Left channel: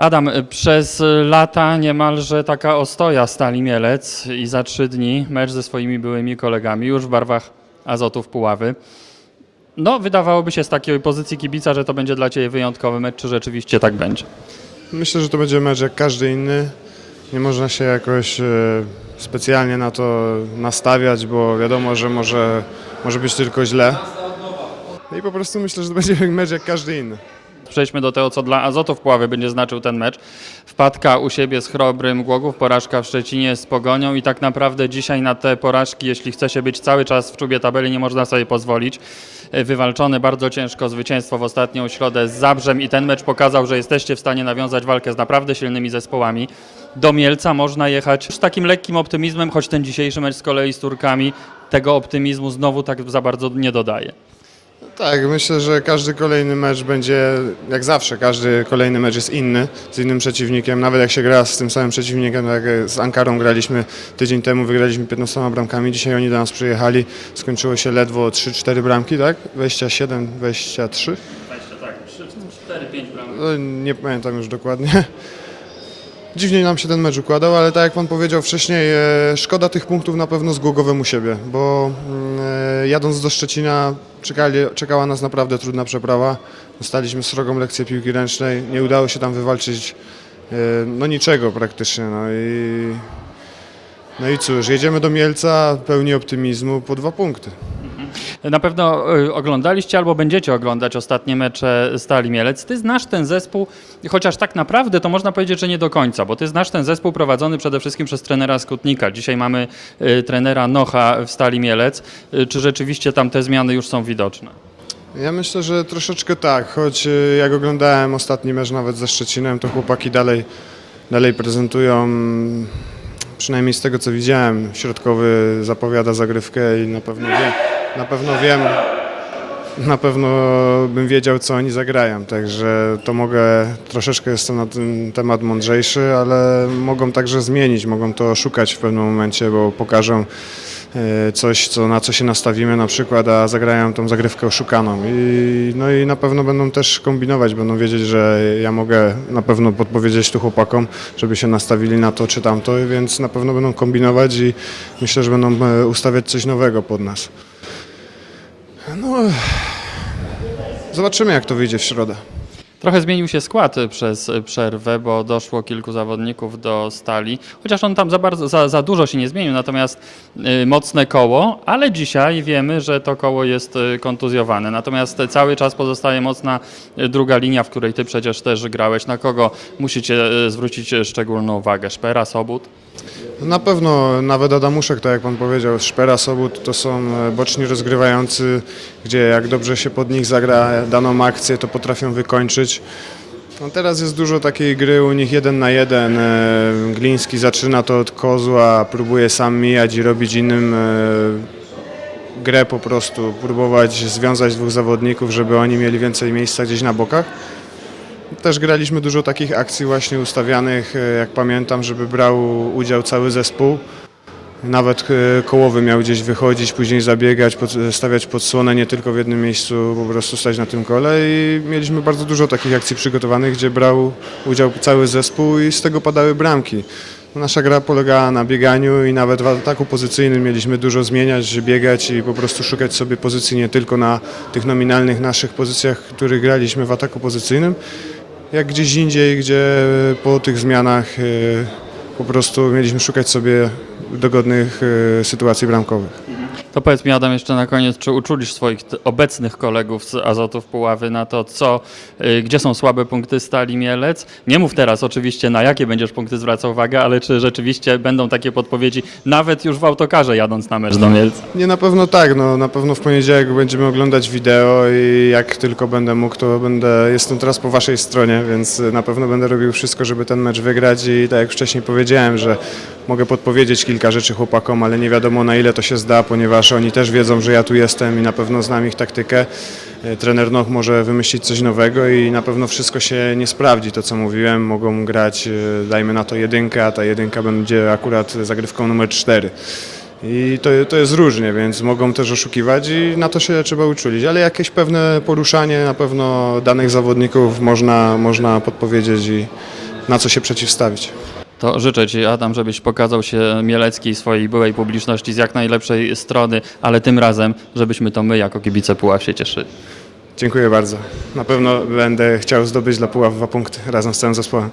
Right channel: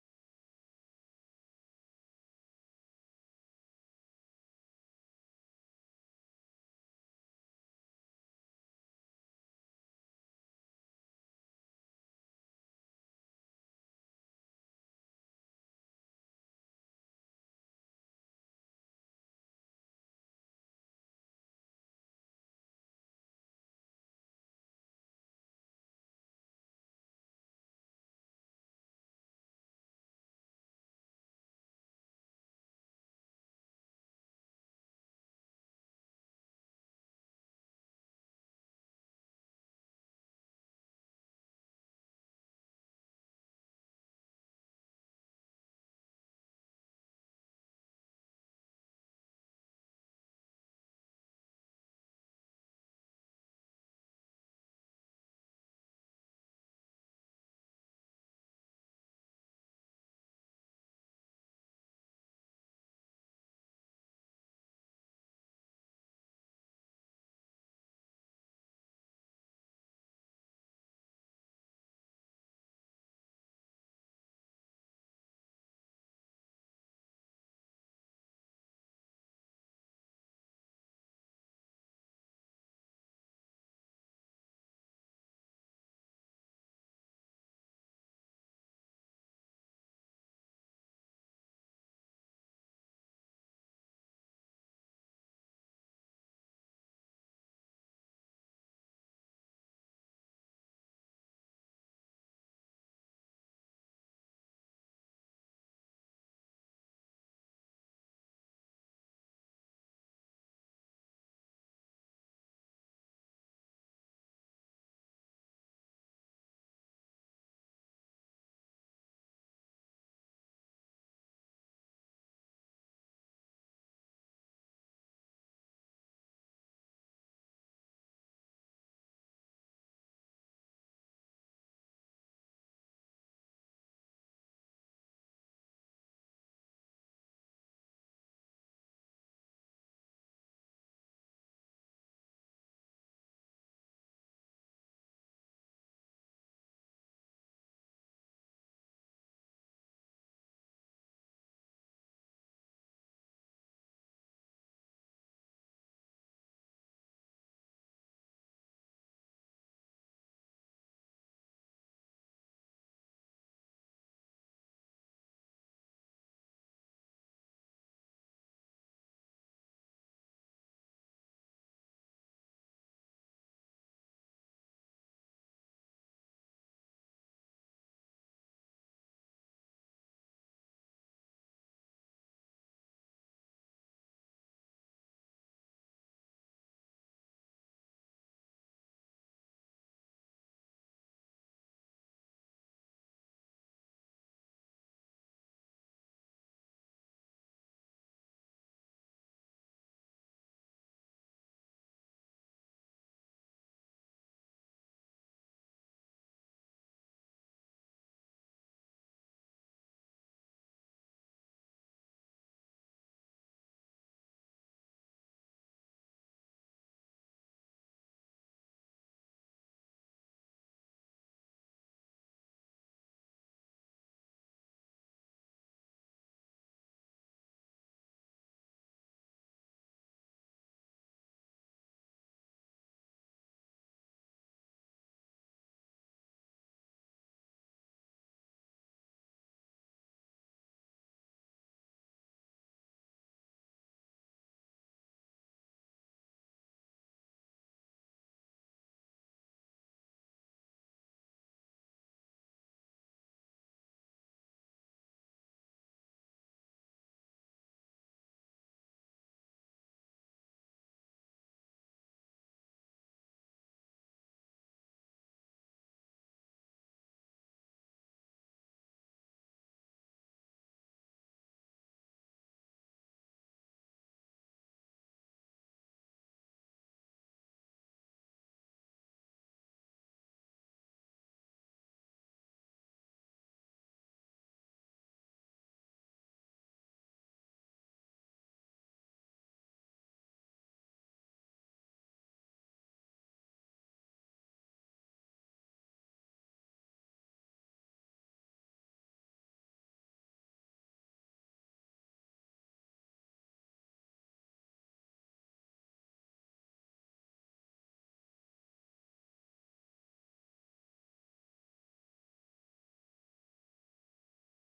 Adam, y, przez lata niemalże taka ostoja Stali Mielec i za trzy dni mecz ze swoimi byłymi kolegami już w barwach Azotów Puławy. No, wydawałoby się z takiej pozycji kibica, że to będzie dla Ciebie wyjątkowy mecz, czy rzeczywiście tak będzie? Myślę, że to będzie mecz jak każdy inny. Nie można się jakoś e, specjalnie na to nastawiać, bo wiadomo, że może, może być tylko źle. I po prostu myślę, że to będzie mecz jak każdy inny. Przejdźmy do tego, co dla Azotów Puławy będzie znaczył ten mecz. Wpadka u siebie z Chrobrym Głogów, porażka w Szczecinie z Pogonią i tak naprawdę dzisiaj na te porażki, jeśli chce się być cały czas w czubie tabeli, nie można sobie pozwolić. E, Wywalczone bardzo ciężko zwycięstwo w ostatnią środę z Zabrzem i ten mecz pokazał, że jesteście w stanie nawiązać walkę z naprawdę silnymi zespołami. Do Mielca można jechać z takim lekkim optymizmem, choć ten dzisiejszy mecz z kolei z Turkami tego optymizmu znowu tak za bardzo nie dodaje. Tak, myślę, że każdy kolejny mecz będzie, jak zawsze, każdy kolejny mecz jest inny, z innym przeciwnikiem. Nawet jak się gra z tym samym przeciwnikiem, tak jak z Ankarą graliśmy tydzień temu, wygraliśmy 15 bramkami. Dzisiaj oni do nas przyjechali, skończyło się ledwo 3-4 bramki, tak? 27, 23. Tak, 4-5 bramek. No, Nie pamiętam już dokładnie. Dziwnie nam się ten mecz układał, ale tak jak pan powiedział wcześniej, e, szkoda tych punktów na pewno z Głogowem u siebie, bo mm, e, jadąc do Szczecina czekali, czekała nas naprawdę trudna przeprawa. Dostaliśmy srogą lekcję piłki ręcznej, nie udało się tam wywalczyć e, no niczego praktycznie. No i, no i cóż, jedziemy do Mielca pełni optymizmu po dwa punkty. Na pewno y, oglądaliście albo będziecie oglądać ostatnie mecze Stali Mielec. Ty znasz ten zespół, chociaż tak naprawdę to można powiedzieć, że nie do końca, bo ty znasz ten zespół prowadzony przede wszystkim przez trenera Skutnika. Dzisiaj mamy y, trenera Nocha w Stali Mielec. Y, Czy rzeczywiście tam te zmiany już są widoczne? Ja myślę, że troszeczkę tak, choć jak oglądałem ostatni mecz nawet ze Szczecinem, to chłopaki dalej, dalej prezentują, przynajmniej z tego co widziałem, środkowy zapowiada zagrywkę i na pewno wiem, na pewno wiem, na pewno bym wiedział co oni zagrają, także to mogę, troszeczkę jestem na ten temat mądrzejszy, ale mogą także zmienić, mogą to szukać w pewnym momencie, bo pokażą e, coś, co, na co się nastawimy na przykład, a zagrają tą zagrywkę oszukaną. I, no i na pewno będą też kombinować, będą wiedzieć, że ja mogę na pewno podpowiedzieć tu chłopakom, żeby się nastawili na to czy tamto, więc na pewno będą kombinować i myślę, że będą e, ustawiać coś nowego pod nas. No, zobaczymy jak to wyjdzie w środę. Trochę zmienił się skład przez przerwę, bo doszło kilku zawodników do stali. Chociaż on tam za, bardzo, za, za dużo się nie zmienił, natomiast y, mocne koło, ale dzisiaj wiemy, że to koło jest y, kontuzjowane. Natomiast cały czas pozostaje mocna y, druga linia, w której ty przecież też grałeś. Na kogo musicie zwrócić szczególną uwagę? Szpera, Sobut? Na pewno nawet Adamuszek, tak jak pan powiedział, Szpera, Sobut to są e, boczni rozgrywający, gdzie jak dobrze się pod nich zagra daną akcję, to potrafią wykończyć. No teraz jest dużo takiej gry u nich jeden na jeden. E, Gliński zaczyna to od kozła, próbuje sam mijać i robić innym e, grę po prostu, próbować związać dwóch zawodników, żeby oni mieli więcej miejsca gdzieś na bokach. Też graliśmy dużo takich akcji właśnie ustawianych, e, jak pamiętam, żeby brał udział cały zespół. Nawet e, kołowy miał gdzieś wychodzić, później zabiegać, stawiać podsłonę, nie tylko w jednym miejscu po prostu stać na tym kole i mieliśmy bardzo dużo takich akcji przygotowanych, gdzie brał udział cały zespół i z tego padały bramki. Nasza gra polegała na bieganiu i nawet w ataku pozycyjnym mieliśmy dużo zmieniać, biegać i po prostu szukać sobie pozycji nie tylko na tych nominalnych naszych pozycjach, których graliśmy w ataku pozycyjnym, jak gdzieś indziej, gdzie po tych zmianach e, po prostu mieliśmy szukać sobie dogodnych e, sytuacji bramkowych. To powiedz mi Adam jeszcze na koniec, czy uczulisz swoich obecnych kolegów z Azotów Puławy na to, co, y, gdzie są słabe punkty Stali Mielec? Nie mów teraz oczywiście, na jakie będziesz punkty zwracał uwagę, ale czy rzeczywiście będą takie podpowiedzi, nawet już w autokarze jadąc na mecz do Mielca? Nie, na pewno tak, no, na pewno w poniedziałek będziemy oglądać wideo i jak tylko będę mógł, to będę, jestem teraz po waszej stronie, więc na pewno będę robił wszystko, żeby ten mecz wygrać i tak jak wcześniej powiedziałem, że mogę podpowiedzieć kilka rzeczy chłopakom, ale nie wiadomo na ile to się zda, ponieważ oni też wiedzą, że ja tu jestem i na pewno znam ich taktykę. E, Trener Noch może wymyślić coś nowego i na pewno wszystko się nie sprawdzi, to co mówiłem, mogą grać, e, dajmy na to jedynkę, a ta jedynka będzie akurat zagrywką numer cztery. I to, to jest różnie, więc mogą też oszukiwać i na to się trzeba uczulić. Ale jakieś pewne poruszanie na pewno danych zawodników można, można podpowiedzieć i, na co się przeciwstawić. To życzę Ci, Adam, żebyś pokazał się Mieleckiej swojej byłej publiczności z jak najlepszej strony, ale tym razem, żebyśmy to my jako kibice Puław się cieszyli. Dziękuję bardzo. Na pewno będę chciał zdobyć dla Puław dwa punkty razem z całym zespołem.